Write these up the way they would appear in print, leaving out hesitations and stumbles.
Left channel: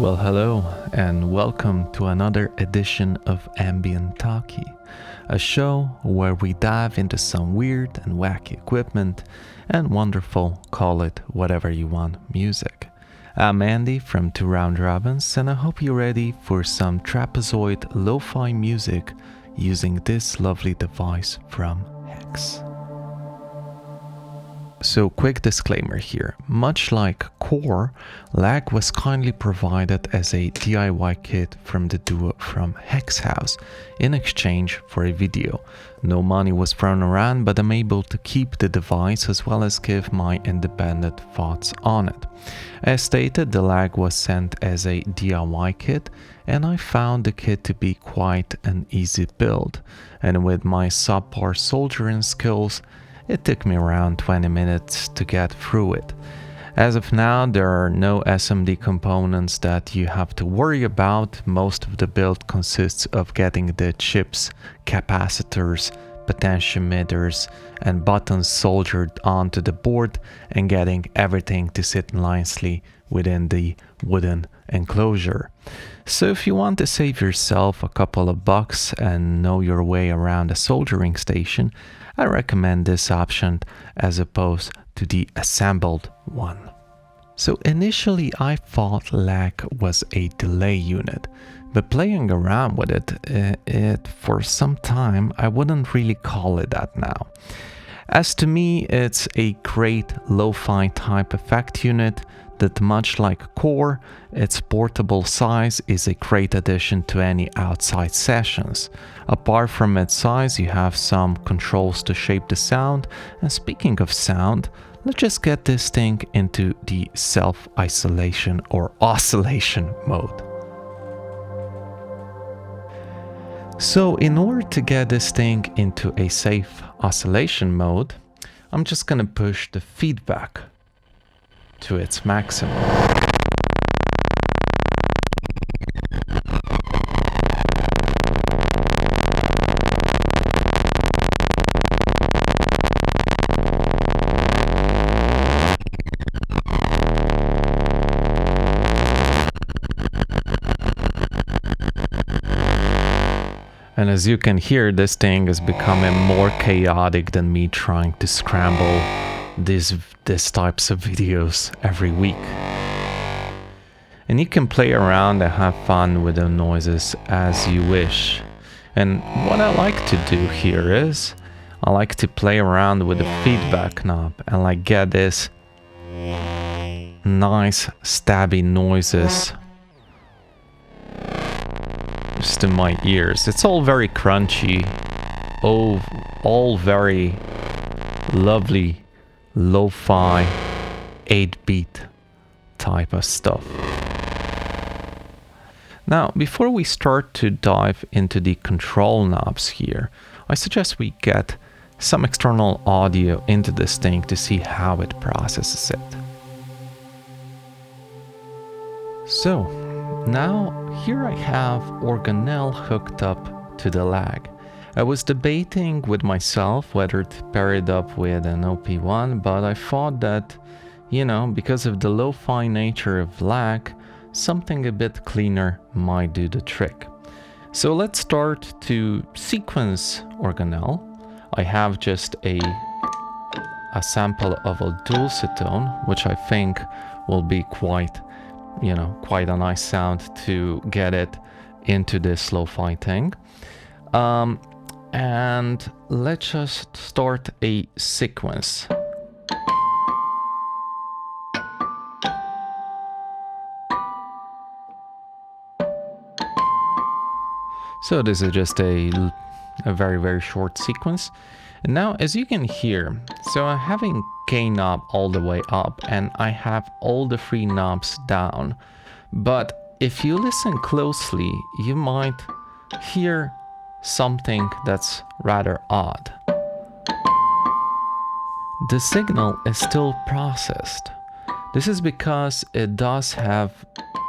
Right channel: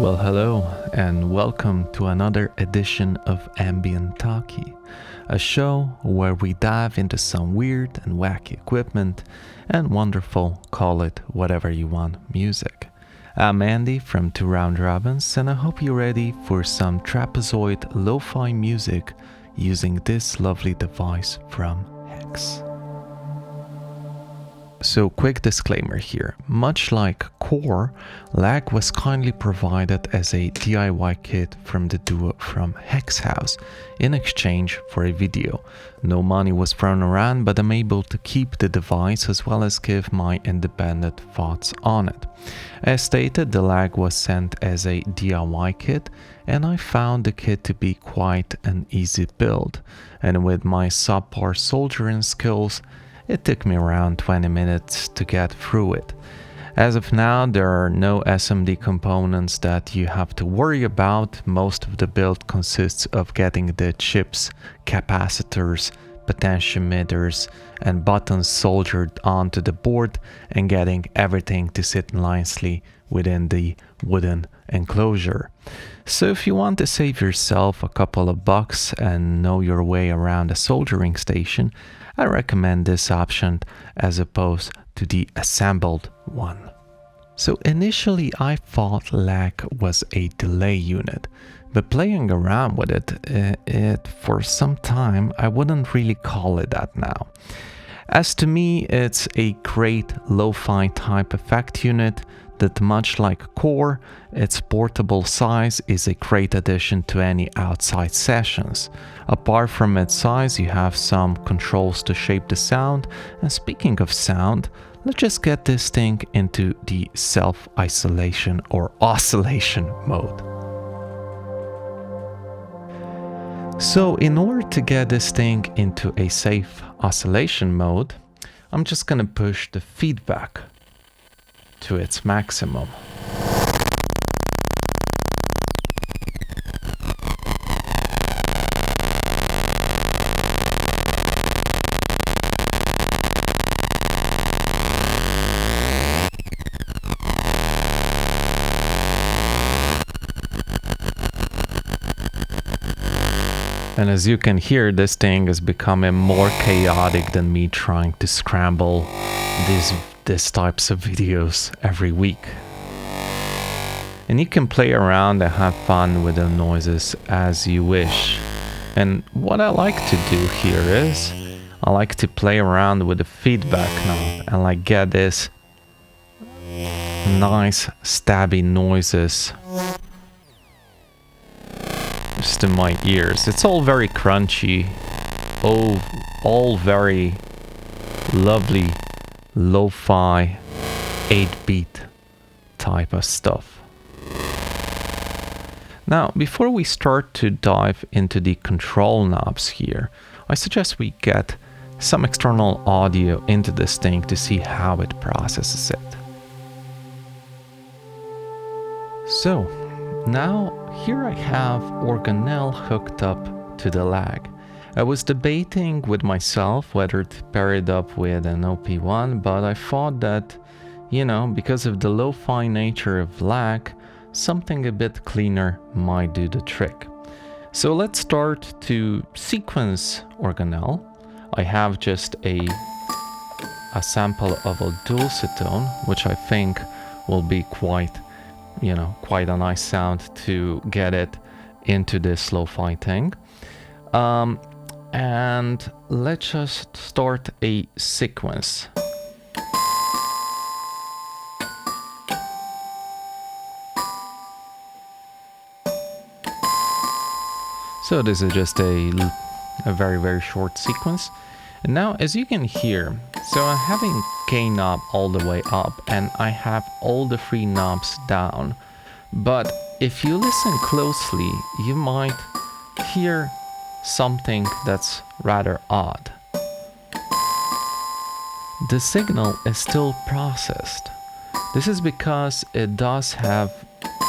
Well, hello, and welcome to another edition of Ambient Talkie, a show where we dive into some weird and wacky equipment and wonderful, call it whatever you want, music. I'm Andy from Two Round Robins, and I hope you're ready for some trapezoid lo-fi music using this lovely device from Hex. So, quick disclaimer here. Much like Core, lag was kindly provided as a DIY kit from the duo from hex.haus in exchange for a video. No money was thrown around, but I'm able to keep the device as well as give my independent thoughts on it. As stated, the lag was sent as a DIY kit, and I found the kit to be quite an easy build. And with my subpar soldering skills, it took me around 20 minutes to get through it. As of now, there are no SMD components that you have to worry about. Most of the build consists of getting the chips, capacitors, potentiometers, and buttons soldered onto the board and getting everything to sit nicely within the wooden enclosure. So if you want to save yourself a couple of bucks and know your way around a soldering station, I recommend this option as opposed to the assembled one. So initially I thought lag was a delay unit, but playing around with it for some time, I wouldn't really call it that now. As to me, it's a great lo-fi type effect unit that, much like Core, its portable size is a great addition to any outside sessions. Apart from its size, you have some controls to shape the sound, and speaking of sound, let's just get this thing into the self-isolation or oscillation mode. So in order to get this thing into a safe oscillation mode, I'm just gonna push the feedback to its maximum. And as you can hear, this thing is becoming more chaotic than me trying to scramble these types of videos every week. And you can play around and have fun with the noises as you wish. And what I like to do here is I like to play around with the feedback knob and like get this nice stabby noises just in my ears. It's all very crunchy, all very lovely lo-fi 8-beat type of stuff. Now, before we start to dive into the control knobs here, I suggest we get some external audio into this thing to see how it processes it. So, now here I have organelle hooked up to the lag. I was debating with myself whether to pair it up with an OP1, but I thought that, because of the lo-fi nature of lag, something a bit cleaner might do the trick. So let's start to sequence organelle. I have just a sample of a dulcitone, which I think will be quite a nice sound to get it into this lo-fi thing. And let's just start a sequence. So this is just a very, very short sequence. And now, as you can hear, so I'm having gain knob all the way up and I have all the three knobs down. But if you listen closely, you might hear something that's rather odd. The signal is still processed. This is because it does have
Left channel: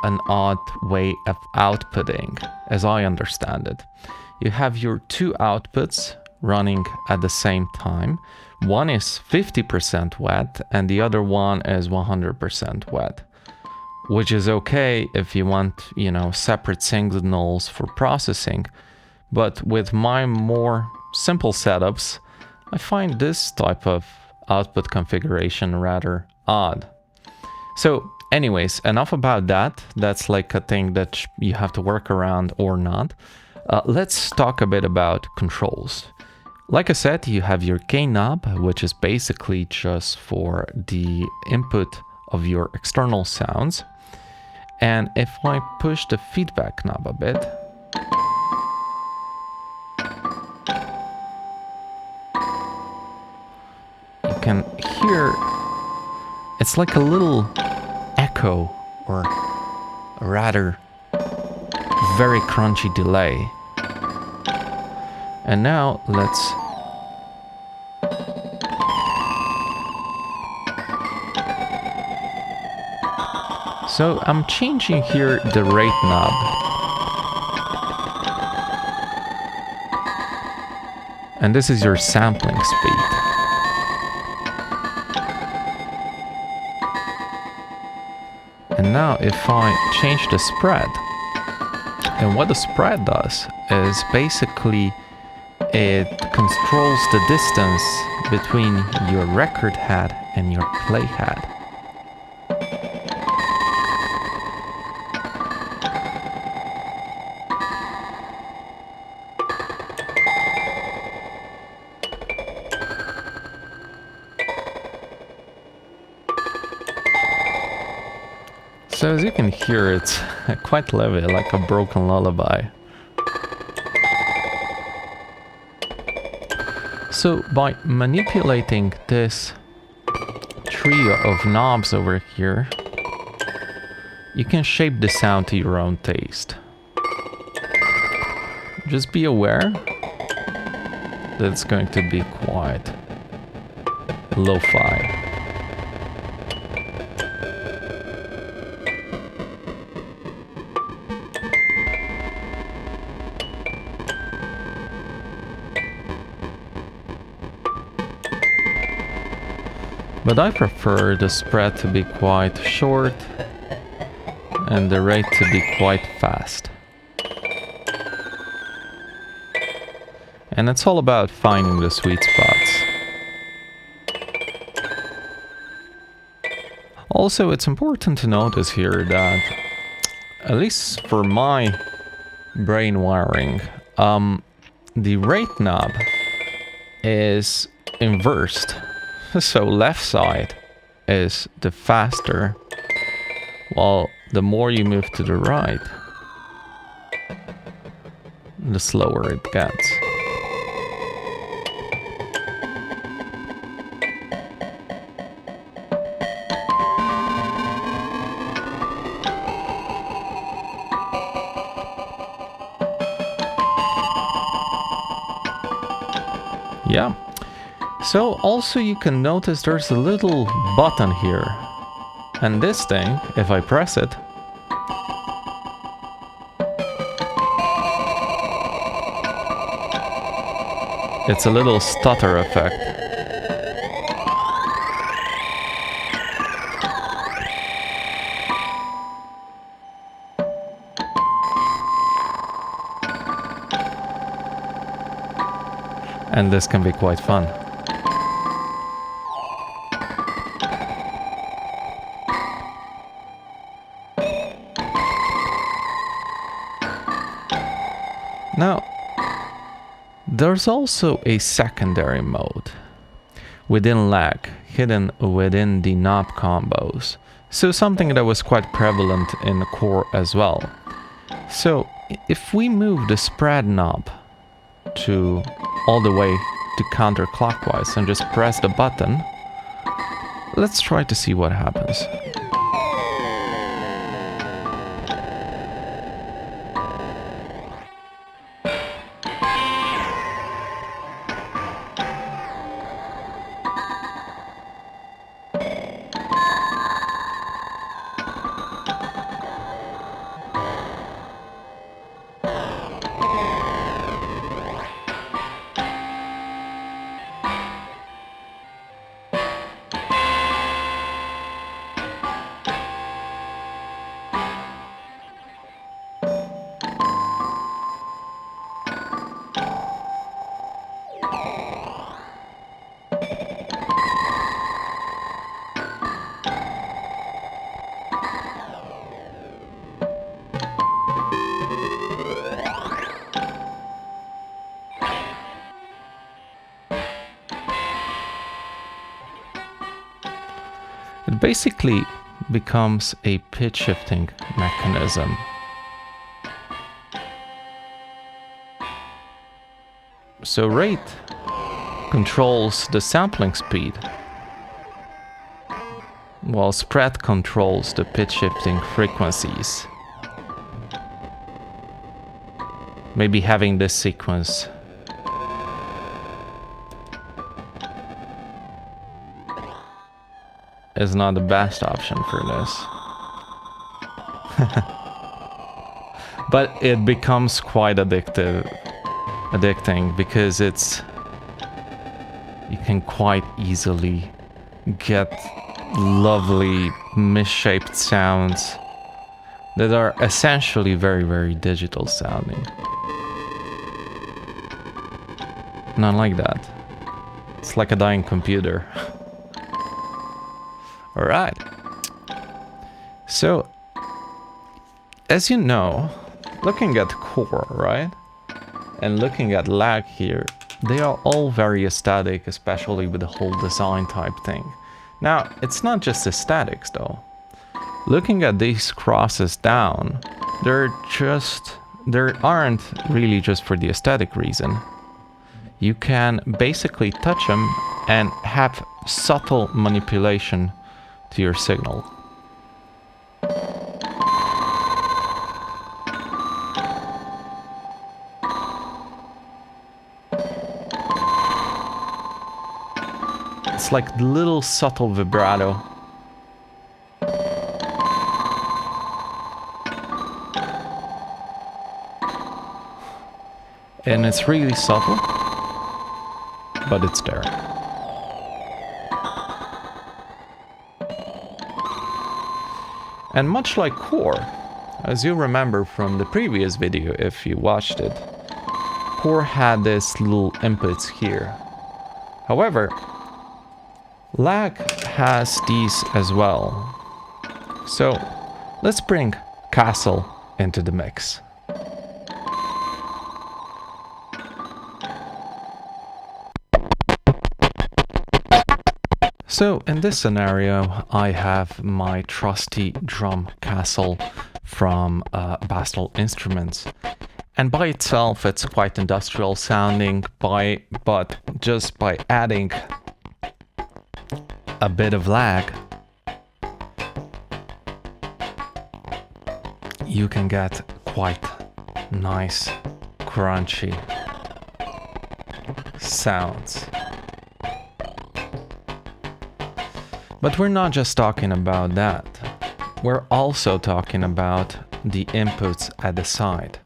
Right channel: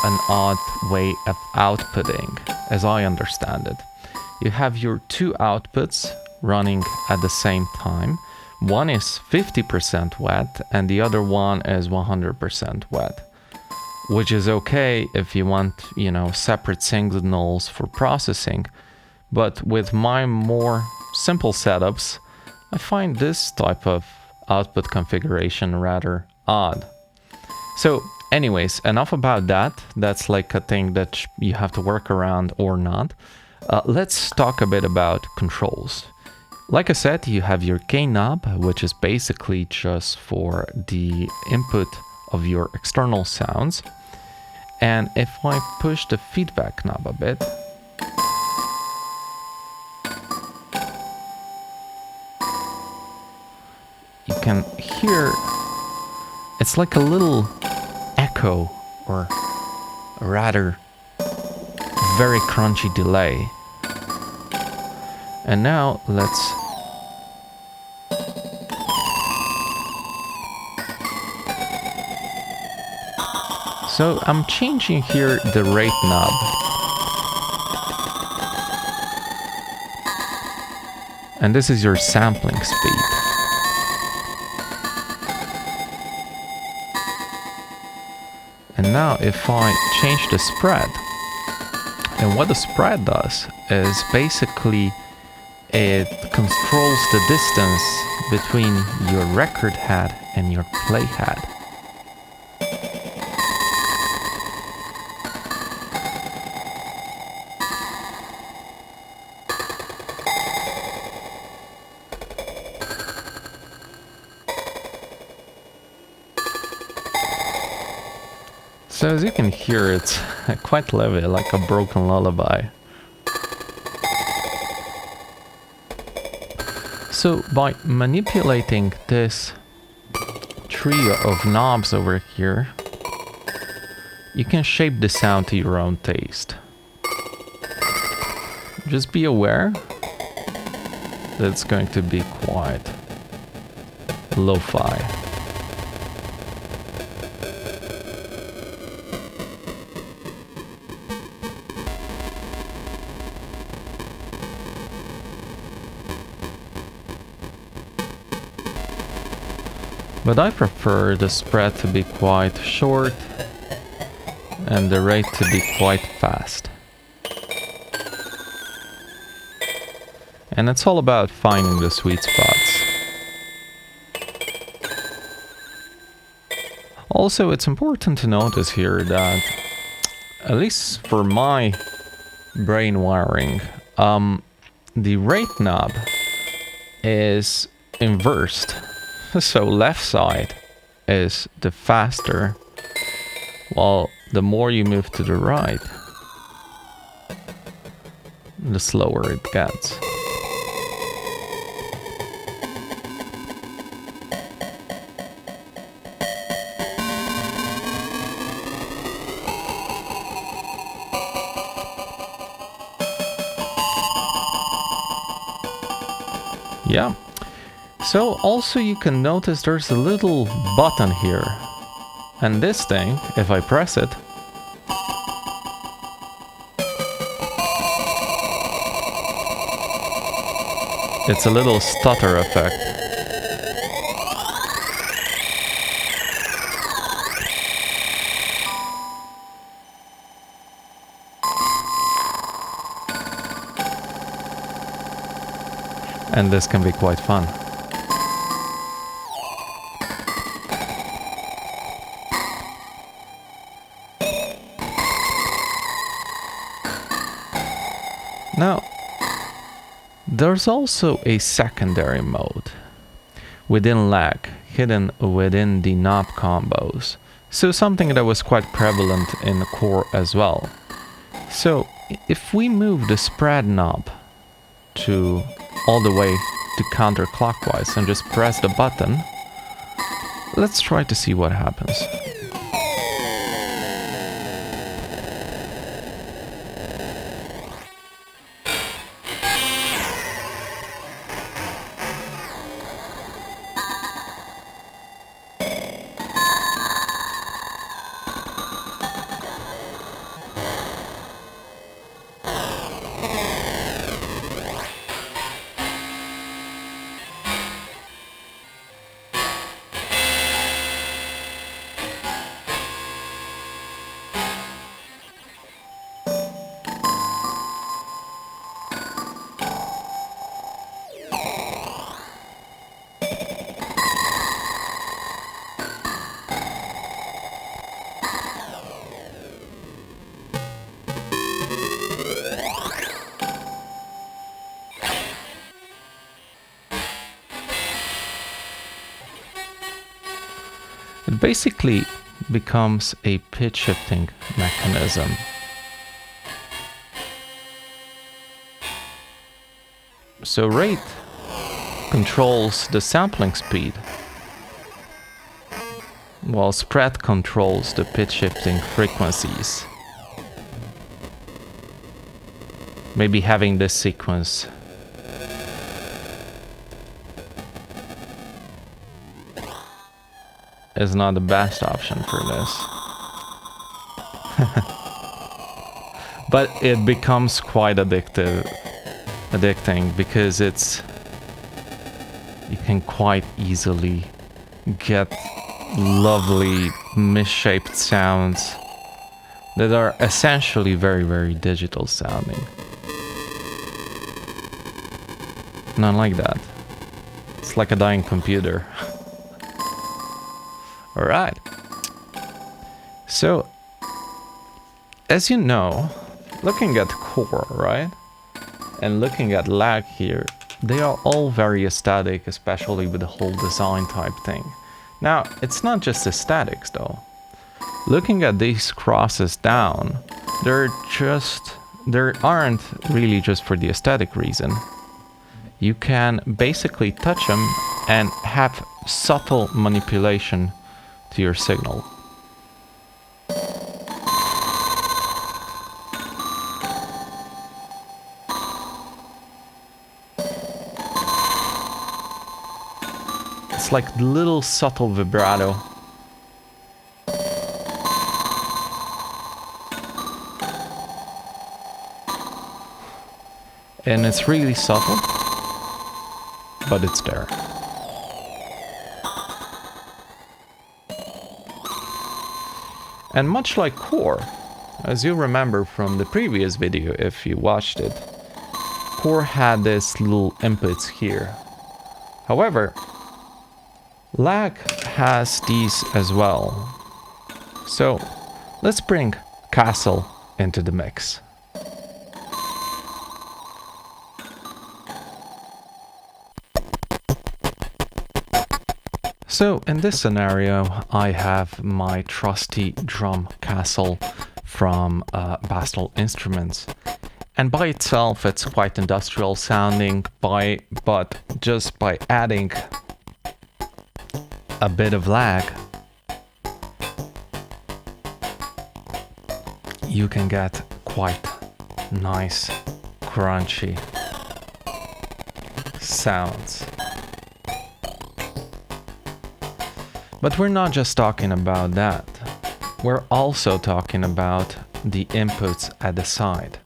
an odd way of outputting, as I understand it. You have your two outputs running at the same time. One is 50% wet and the other one is 100% wet. which is okay if you want, you know, separate signals for processing. But with my more simple setups, I find this type of output configuration rather odd. So anyways, enough about that. That's like a thing that you have to work around or not. Let's talk a bit about controls. Like I said, you have your gain knob, which is basically just for the input of your external sounds. And if I push the feedback knob a bit, you can hear it's like a little echo, or a rather very crunchy delay. And now let's so I'm changing here the rate knob. And this is your sampling speed. And now if I change the spread, and what the spread does is basically it controls the distance between your record head and your play head. So as you can hear, it's quite heavy, like a broken lullaby. So by manipulating this trio of knobs over here, you can shape the sound to your own taste. Just be aware that it's going to be quite lo-fi. But I prefer the spread to be quite short and the rate to be quite fast. And it's all about finding the sweet spots. Also, it's important to notice here that, at least for my brain wiring, the rate knob is inversed. So left side is the faster, while the more you move to the right, the slower it gets. Yeah. So also you can notice there's a little button here. And this thing, if I press it, it's a little stutter effect. And this can be quite fun. Now, there's also a secondary mode within lag, hidden within the knob combos. So something that was quite prevalent in the core as well. So if we move the spread knob to all the way to counterclockwise and just press the button, let's try to see what happens. It basically becomes a pitch shifting mechanism. So rate controls the sampling speed, while spread controls the pitch shifting frequencies. Maybe having this sequence is not the best option for this. But it becomes quite addicting because you can quite easily get lovely misshaped sounds that are essentially very, very digital sounding. Not like that. It's like a dying computer. All right. So, as you know, looking at core, right? And looking at lag here, they are all very aesthetic, especially with the whole design type thing. Now, it's not just aesthetics though. Looking at these crosses down, they aren't really just for the aesthetic reason. You can basically touch them and have subtle manipulation to your signal. It's like little subtle vibrato. And it's really subtle, but it's there. And much like core, as you remember from the previous video if you watched it, core had this little inputs here. However, lag has these as well. So let's bring kastle into the mix. So in this scenario, I have my trusty drum kastle from Bastl Instruments. And by itself, it's quite industrial sounding, but just by adding a bit of lag, you can get quite nice, crunchy sounds. But we're not just talking about that. We're also talking about the inputs at the side.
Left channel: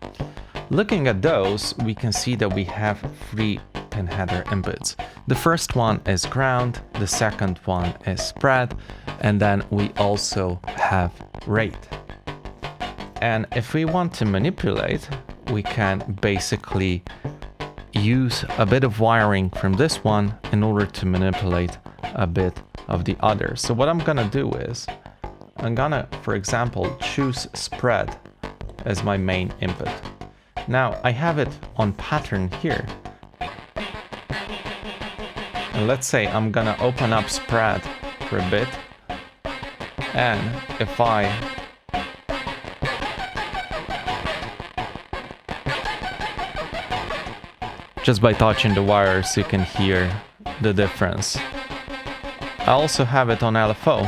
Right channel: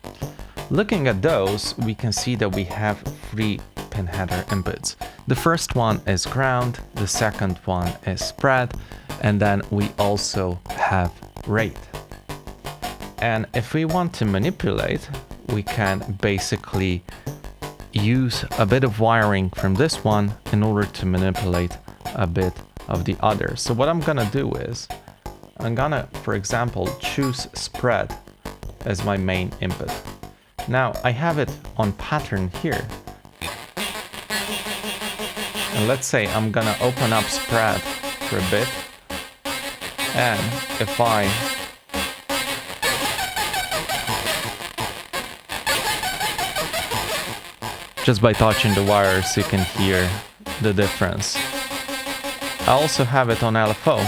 Looking at those, we can see that we have 3 pin header inputs. The first one is ground, the second one is spread, and then we also have rate. And if we want to manipulate, we can basically use a bit of wiring from this one in order to manipulate a bit of the other. So what I'm gonna do is, I'm gonna, for example, choose spread as my main input. Now I have it on pattern here. And let's say I'm gonna open up spread for a bit. And if I just by touching the wires, you can hear the difference. I also have it on LFO.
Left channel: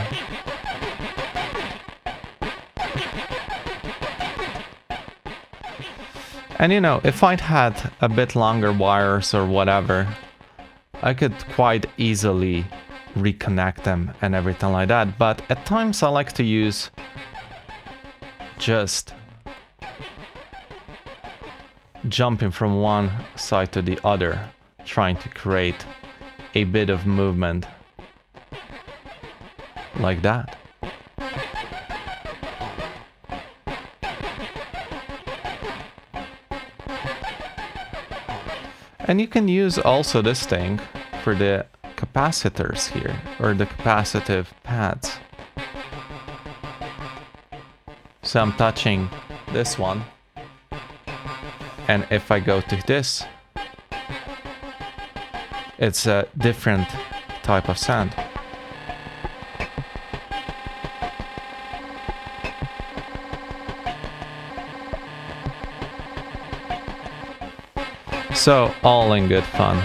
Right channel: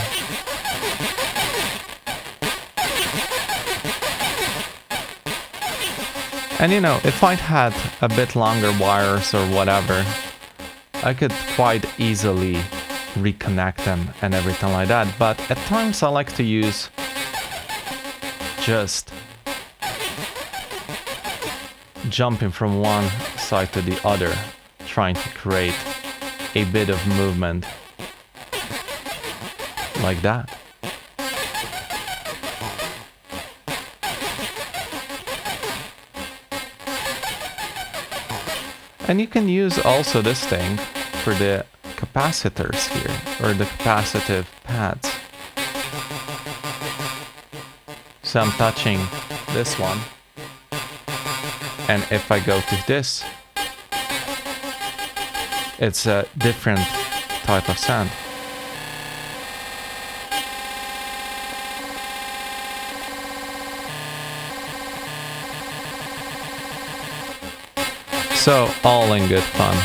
And you know, if I'd had a bit longer wires or whatever, I could quite easily reconnect them and everything like that. But at times I like to use just jumping from one side to the other, trying to create a bit of movement like that. And you can use also this thing for the capacitors here, or the capacitive pads. So I'm touching this one, and if I go to this, it's a different type of sound. So all in good fun.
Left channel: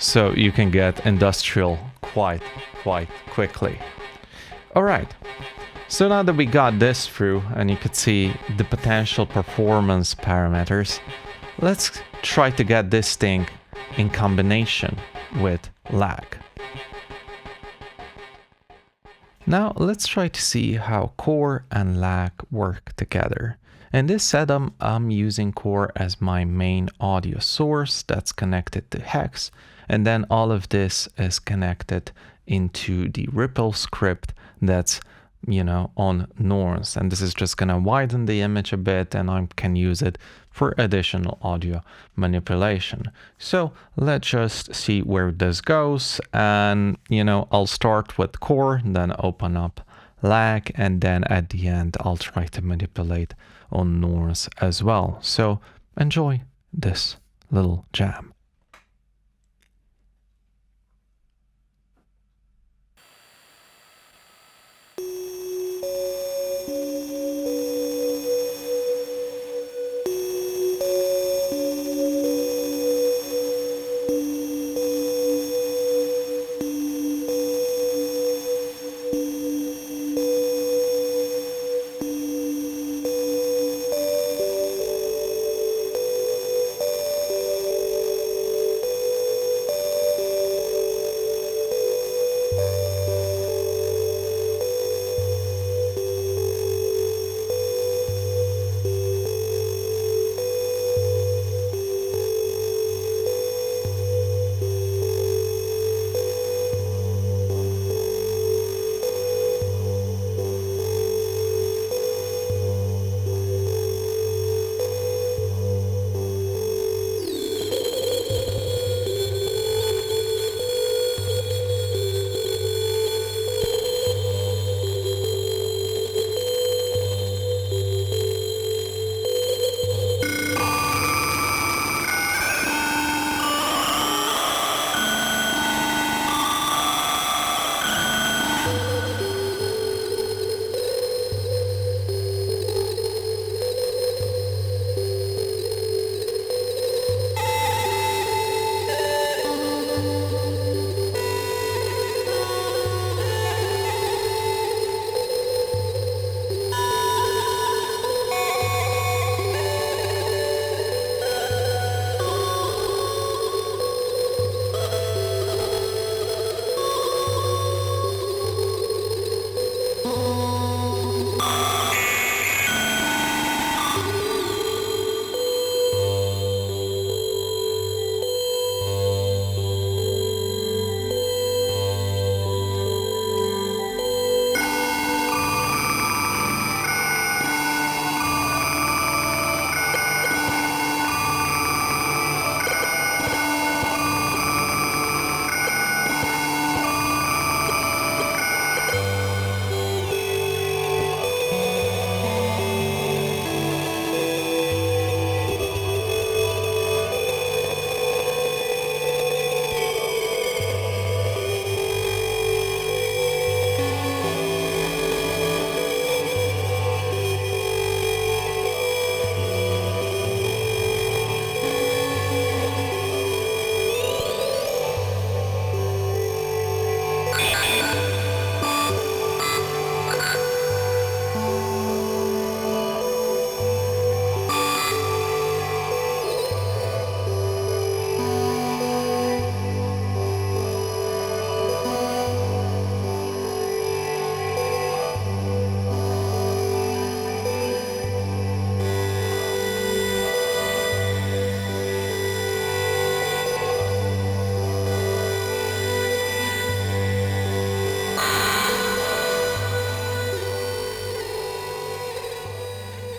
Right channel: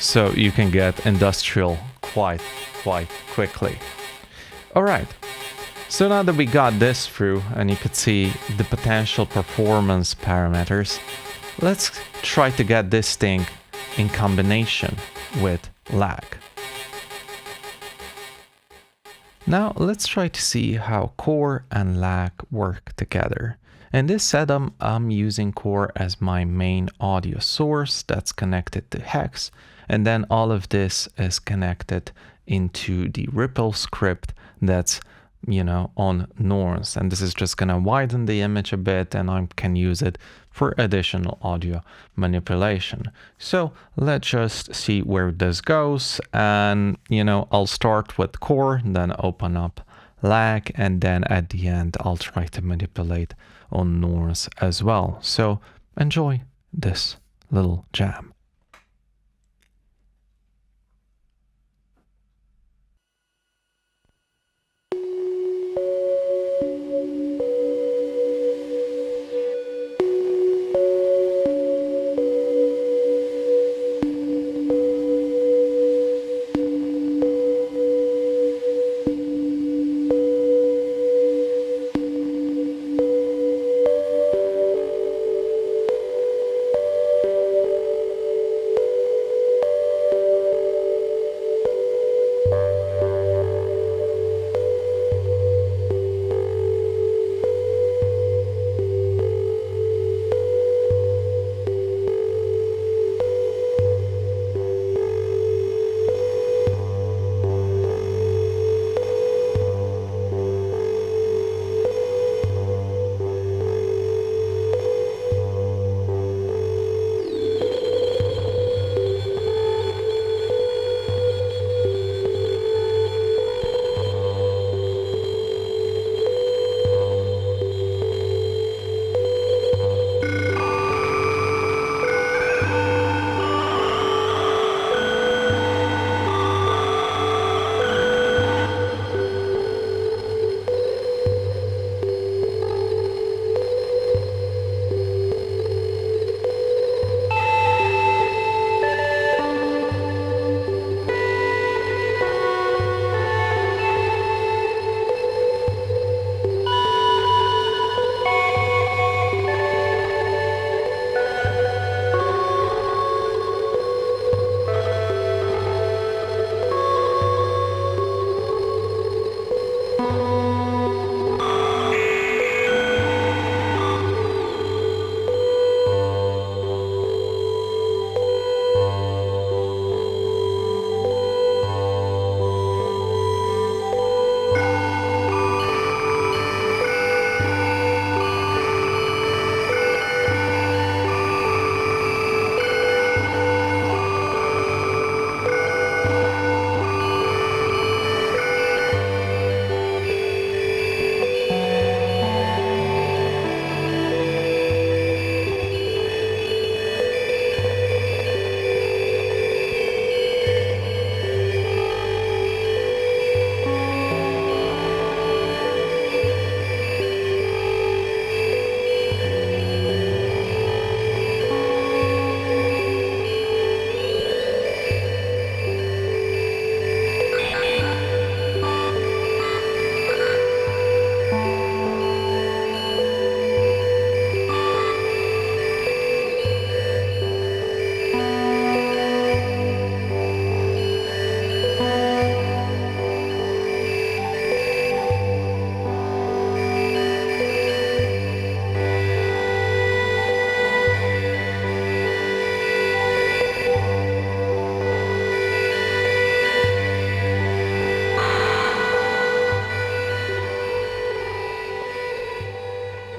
So you can get industrial quite quickly. All right. So now that we got this through and you could see the potential performance parameters, let's try to get this thing in combination with lag. Now let's try to see how core and lag work together. In this setup, I'm using core as my main audio source that's connected to hex, and then all of this is connected into the ripple script that's, you know, on norms, and this is just gonna widen the image a bit, and I can use it for additional audio manipulation. So let's just see where this goes, and you know, I'll start with core, then open up lag, and then at the end I'll try to manipulate on norms as well. So enjoy this little jam.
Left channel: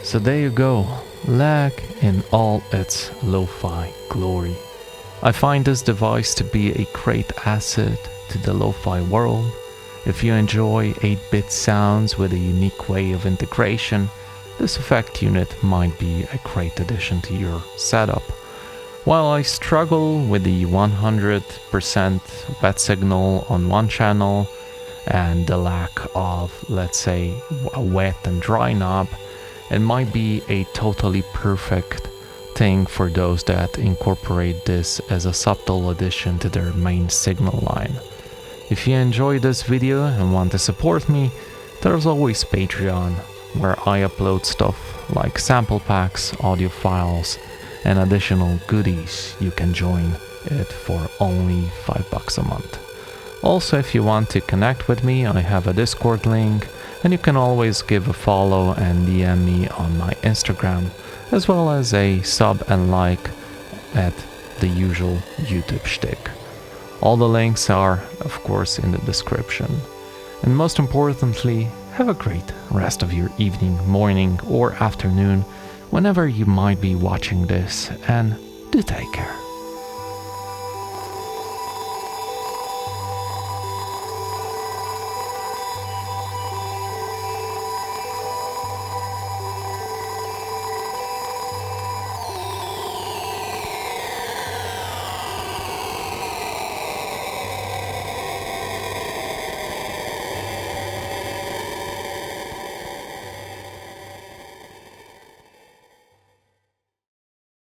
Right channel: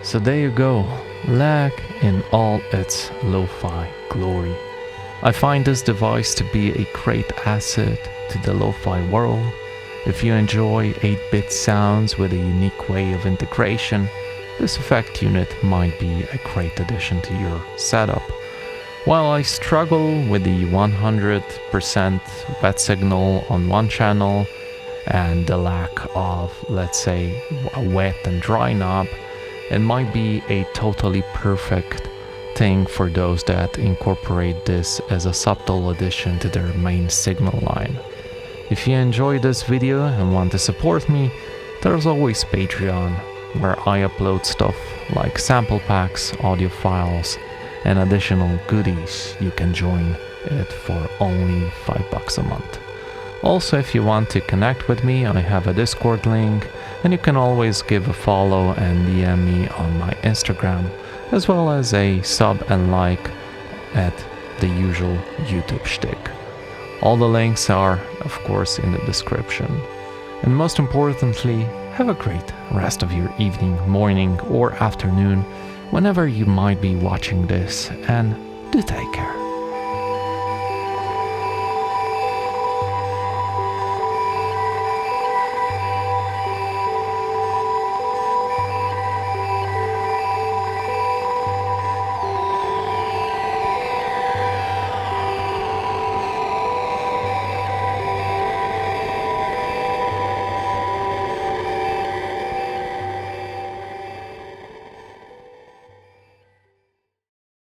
So there you go, lag in all its lo-fi glory. I find this device to be a great asset to the lo-fi world. If you enjoy 8-bit sounds with a unique way of integration, this effect unit might be a great addition to your setup. While I struggle with the 100% wet signal on one channel and the lack of, let's say, a wet and dry knob, it might be a totally perfect thing for those that incorporate this as a subtle addition to their main signal line. If you enjoyed this video and want to support me, there's always Patreon, where I upload stuff like sample packs, audio files, and additional goodies. You can join it for only $5 a month. Also, if you want to connect with me, I have a Discord link, and you can always give a follow and DM me on my Instagram, as well as a sub and like at the usual YouTube shtick. All the links are, of course, in the description. And most importantly, have a great rest of your evening, morning, or afternoon, whenever you might be watching this, and do take care.